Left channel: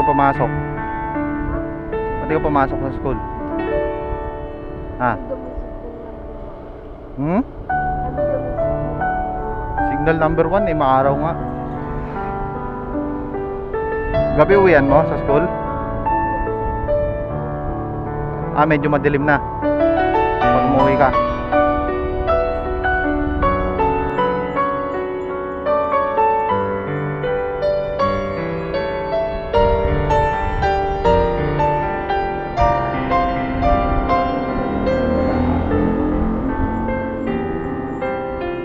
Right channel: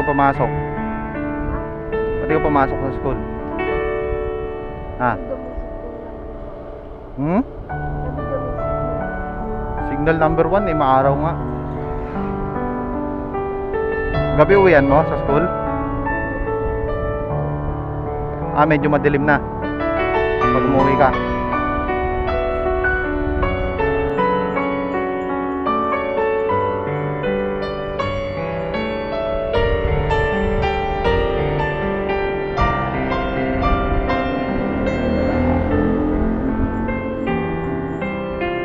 ka pumasok? Ba't di ka pumasok sa school? Ha? Hmm? Signal number 1 eh, maaraw nga. Gabi uwian mo sa school? Ah, medyo madilim na pag umuwi ka.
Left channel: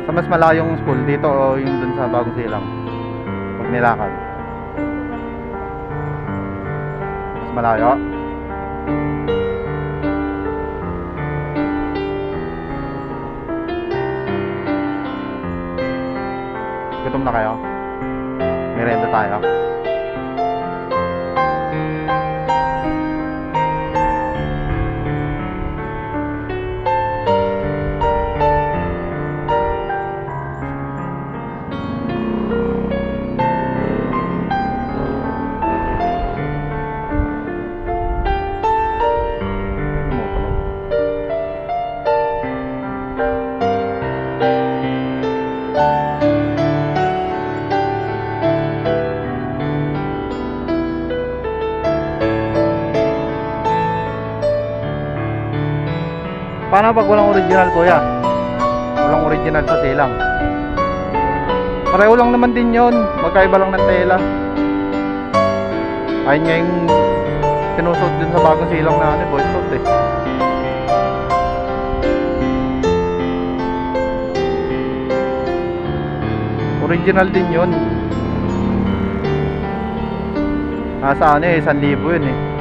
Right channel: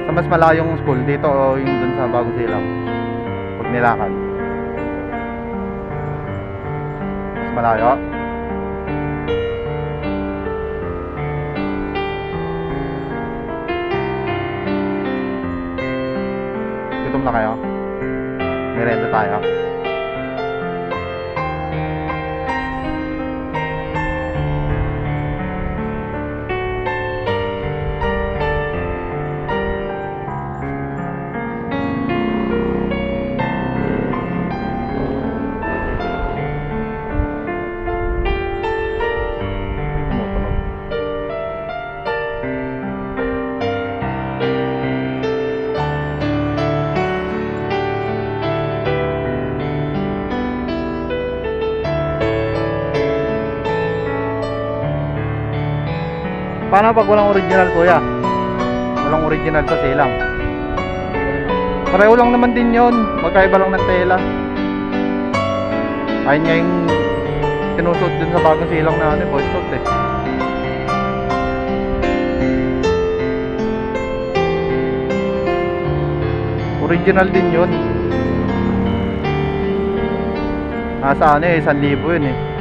Sa mas malayong school dito o yung dun sa Bagong Silang pag nilakad? Mas malayo? Gutom na kayo? Merenda tayo? Paano pag walang original, kuya? Walang original sa silang. Pareho lang naman din yon, magkaiba lang ng tela. Ayun nga yung sinusuot dun sa Bagong Silang na Boy Scout eh. Original din yun. Nasa 1,000 yun eh.